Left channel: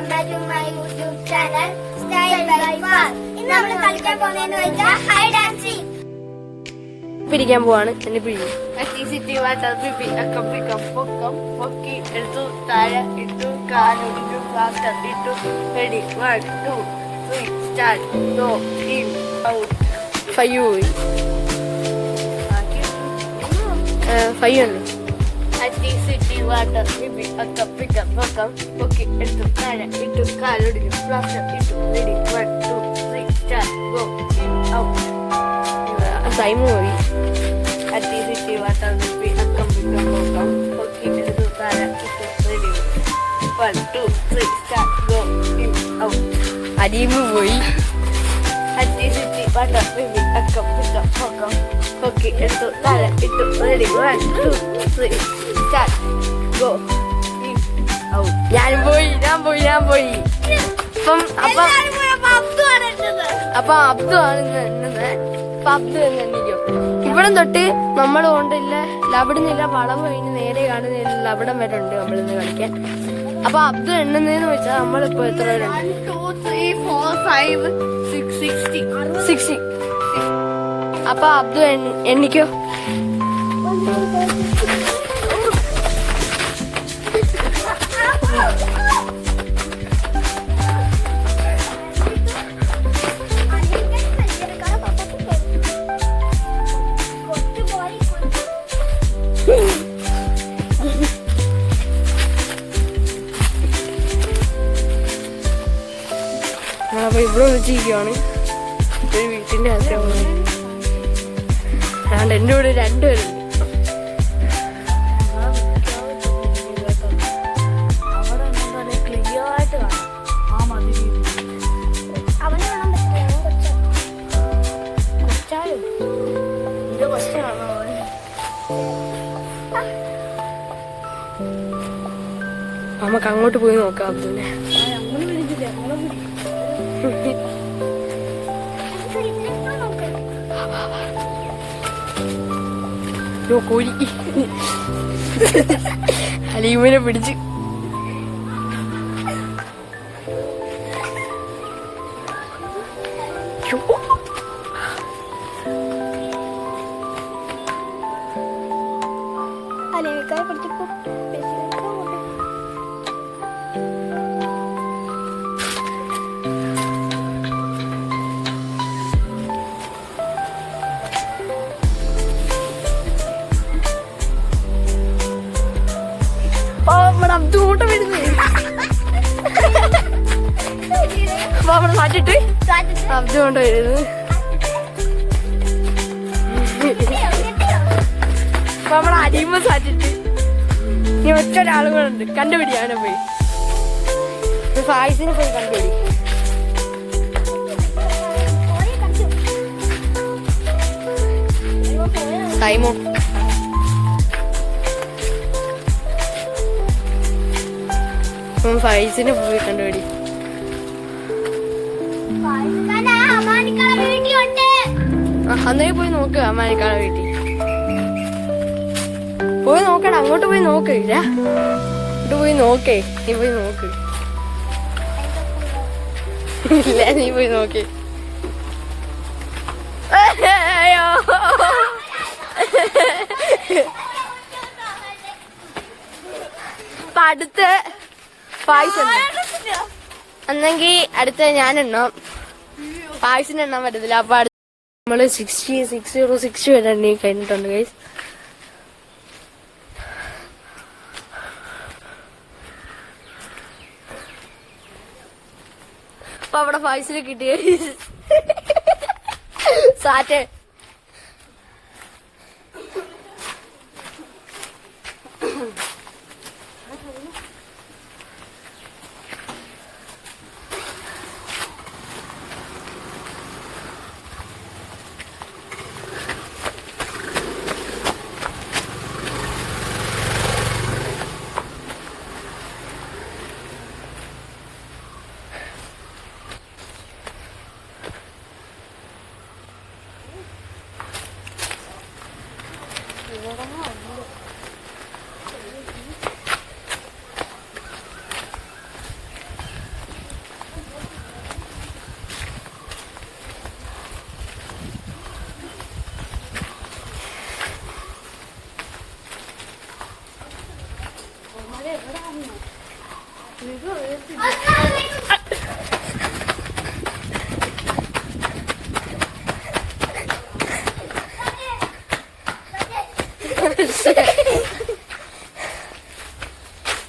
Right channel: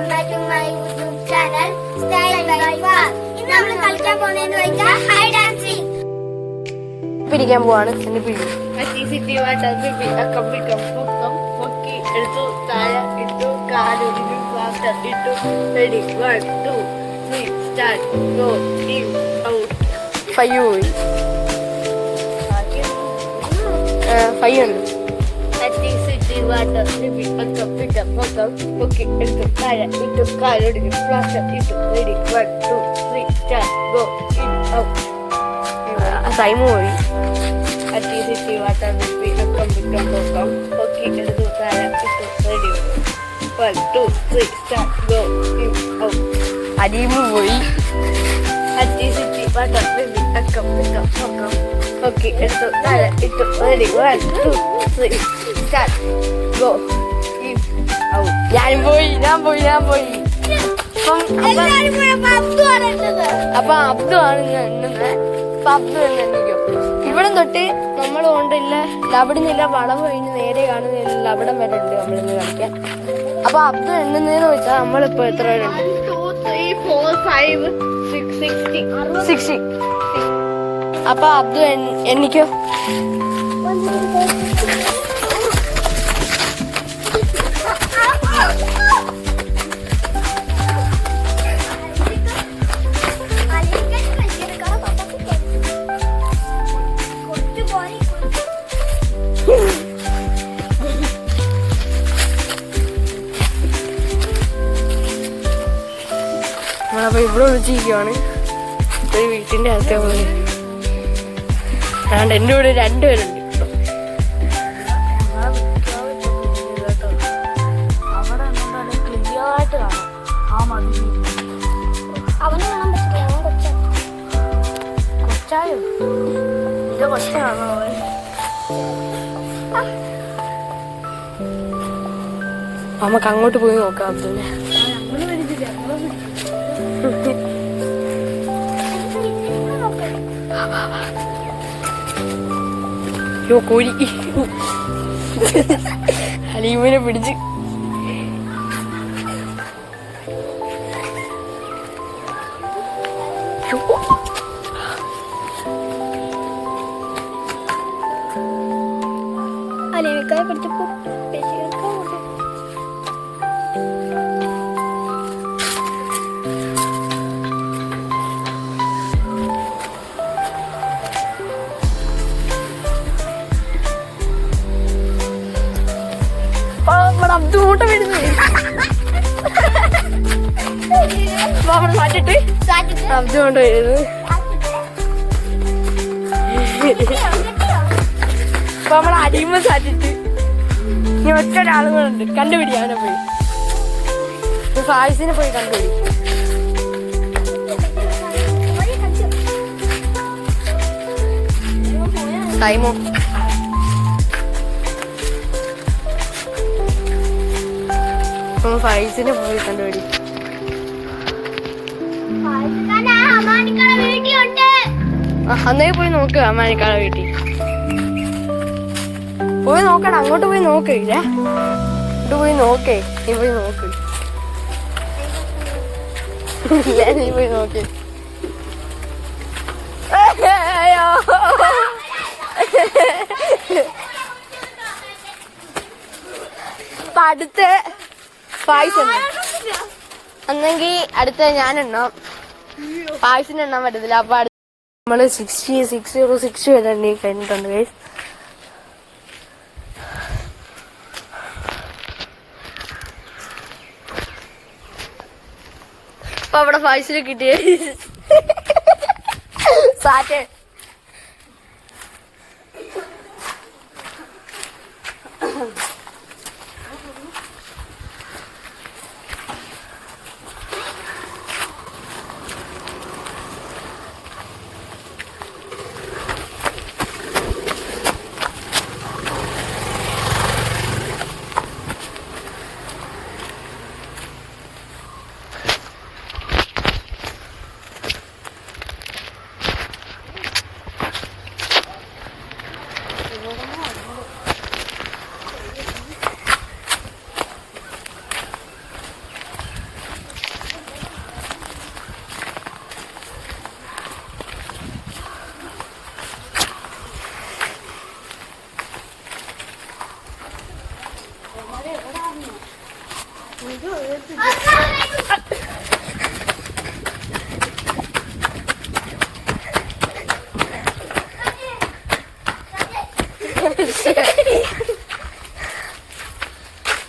welcome back to my YouTube channel Style by Far. ഇന്ന് നമ്മൾ കളിക്കാൻ പോകുന്നതെന്ന് വെച്ചാൽ ഹൈഡ് ആൻഡ് സീക്ക്. പിടിക്കാൻ പോവാണ് എന്നെ പിടി. ഫൈവ് പോയി. ഫൈവ് ഉണ്ട്. ടൈം പോയി. അടിയുമ്പ് പോയി. ഞാനും പോയി. ഞാൻ പോയി. അപ്പൊ അബ്ദു ആണ് എണ്ണുന്നത്. അപ്പൊ അബ്ദു എണ്ണിക്കോ. ഇവിടം തൊട്ട് നമ്മൾ കൊണ്ടില്ല അവിടുന്നില്ല വളവ് കഴിഞ്ഞ് നേരെ കാണുന്നില്ല അവിടം വരെ ഉണ്ട് നമ്മളിന്ന് കളിക്കാൻ. അപ്പൊ അബ്ദു എണ്ണുന്നതെന്ന് വെച്ചാൽ നമ്മളിപ്പോ എത്ര പേരുണ്ട്? 60. അപ്പൊ അബ്ദു എണ്ണിക്കോ. നമ്മളപ്പോ ഇവിടെ വിളിച്ചിരിക്കുവാണ്. ഒരു വീട്ടിന്റെ അകത്ത് അതുകൊണ്ട് എന്റെ കൂടെ രണ്ടുപേരുണ്ട്. അവിടെ ക്ലിയർ ആയിട്ട് കാണാം. ആ മതി കൊച്ചായോ എന്റെ കൊച്ചാണോ? നമുക്ക് അങ്ങോട്ട് പോയി നോക്കാം അബ്ദുനെ. കോഴി അലീമിനെ പിടിച്ച് അലീമിക്കായ പിടിച്ചപ്പോ അബ്ദൂട്ട വരുന്നത് മാറ്റിട്ട് അബ്ദു കൊണ്ട് വരുന്നത്. അപ്പൊ നമ്മളെ അടിയുമ്പോ സാറ്റിട്ട് ഒറ്റ ഒരാളുകളുണ്ട്. കണ്ടുപിടി അവനെ പോയി. ഫായിസിനെ പോയി കണ്ടുപിടി. ടൈമോ ഫൈസിനെ പോയി കണ്ടുപിടി. അന്നേ പോയി നോക്ക്. അമ്മാനിക്കാളെ വീട്ടിൽ പോയി നോക്കണം. അങ്ങോട്ട് പോയി നോക്ക്. ഇങ്ങോട്ട് പോയി നോക്കേ. നീ പോയി നോക്ക്. നീ പോയി നോക്ക്. അപ്പൊ അടുത്ത പായസം അന്നെങ്കിൽ അടുത്ത ഞാൻ എണ്ണാം. പായസം എണ്ണാൻ പറ്റത്തില്ല. അപ്പൊ നമ്മള് 60 വരെ എണ്ണി കഴിഞ്ഞിട്ടുണ്ട് ഗൈസ്. അപ്പൊ അവിടെ പായസം കിട്ടിയ സാറ്റേ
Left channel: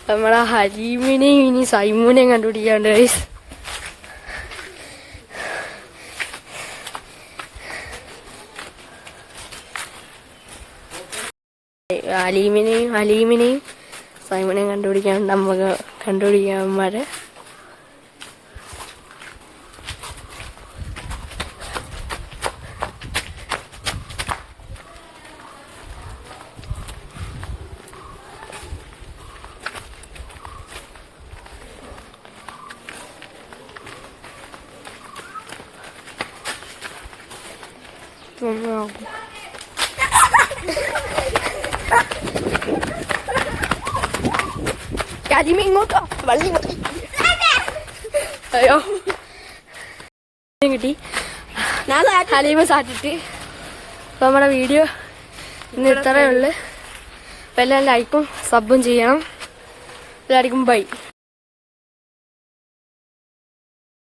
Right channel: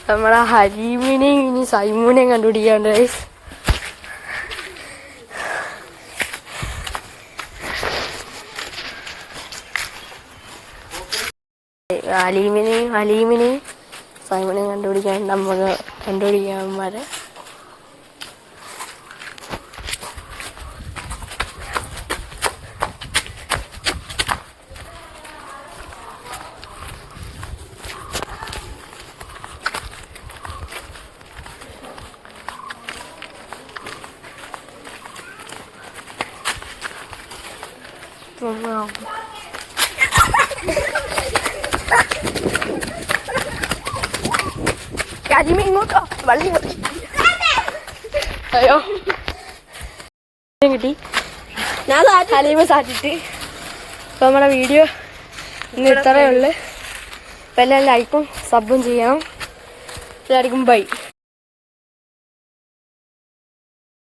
നമ്മളെ ഹലീമിനെയും ഇനി സൈമൂനെയും കണ്ടുപിടിക്കാണ്ട് ഗൈസ്. ഹലീമിനെയും സൈമൂനെയും കണ്ടുപിടിക്കാണ്ട് നമുക്ക് കണ്ടുപിടിക്കാന്മാരെ. ഹലീമ ഇങ്ങോട്ടോ വെള്ളം അയ്യോ കിട്ടി. ഹലീമ സാറ്റിട്ട് ഇപ്പൊ നമ്മുടെ വീഡിയോ ഇന്ന് ഇത്രയേ ഉള്ളു. അപ്പം എല്ലാം ലൈക്കും സബും ചെയ്യണം. എല്ലാവർക്കും ബൈ.